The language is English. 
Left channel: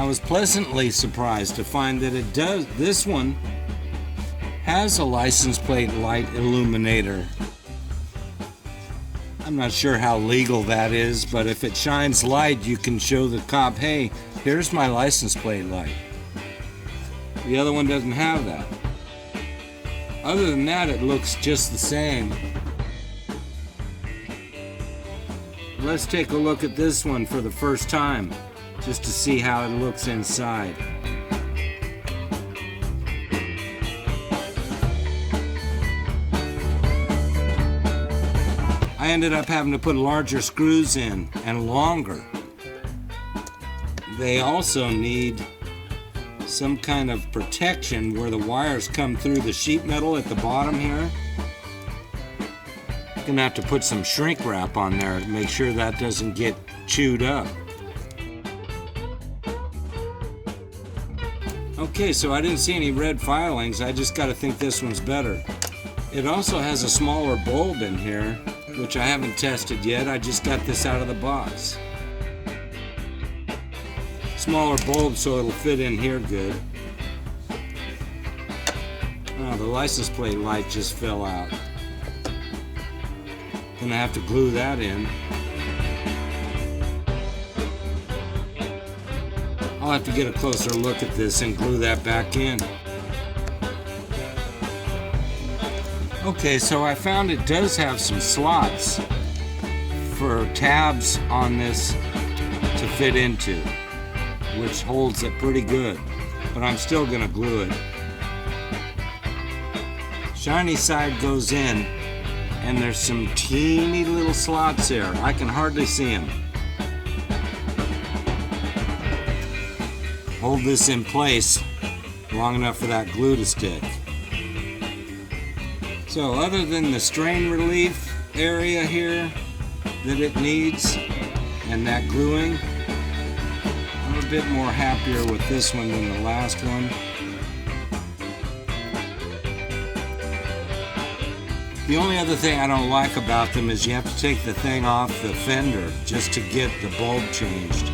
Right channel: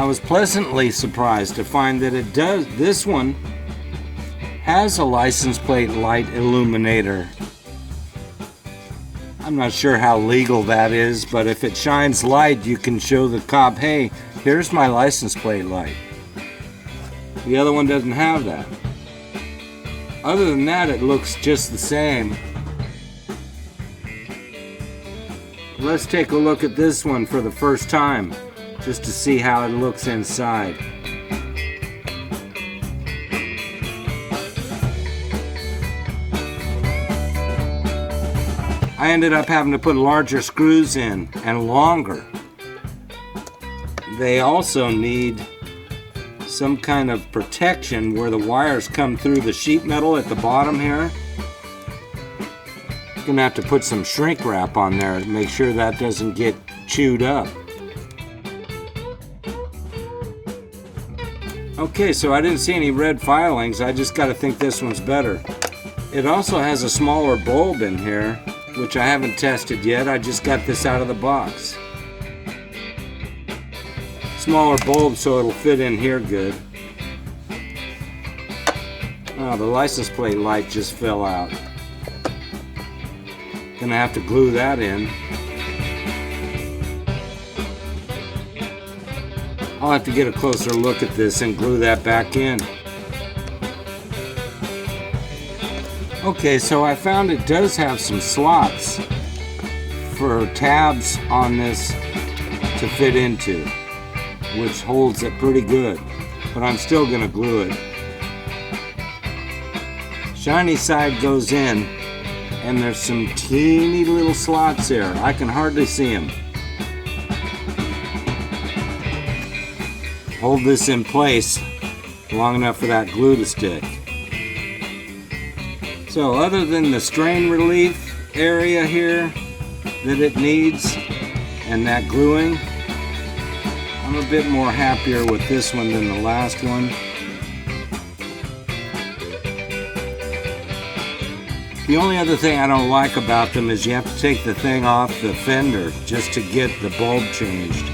I was pleasantly surprised to find that this one has a license plate light illuminator. I'm not sure how legal that is, but if it shines light, you can show the cop, hey, here's my license plate light. The other one doesn't have that. Other than that, it looks just the same. Let's take a look at this one for the first time, just to see how it looks inside. I ended up having to put larger screws in and longer. They also need some kind of protection where the wires come through the sheet metal at the bottom here. You're gonna have to put some shrink wrap on there to make sure that doesn't get chewed up. Okay, so I didn't see any red filings. I just gotta think this one's better. It also has a smaller bulb in here, which I haven't tested yet. I just got this out of the box. Smaller bulb so it'll fit in here good. Oh, the license plate light just fell out. Gonna have to glue that in. I'll have to get a closer look at this and glue that back in. Okay, so I found it does have some slots for tabs on this to fit into, which holds it pretty good, but I'm still gonna glue it. Shiny side goes in, and there's some teeny little slots there. I can hardly see them. Hold this in place long enough for that glue to stick. So other than the strain relief area here that it needs and that gluing, I'm a bit more happier with this one than the last one. The only other thing I don't like about them is you have to take the thing off the fender just to get the bulb changed.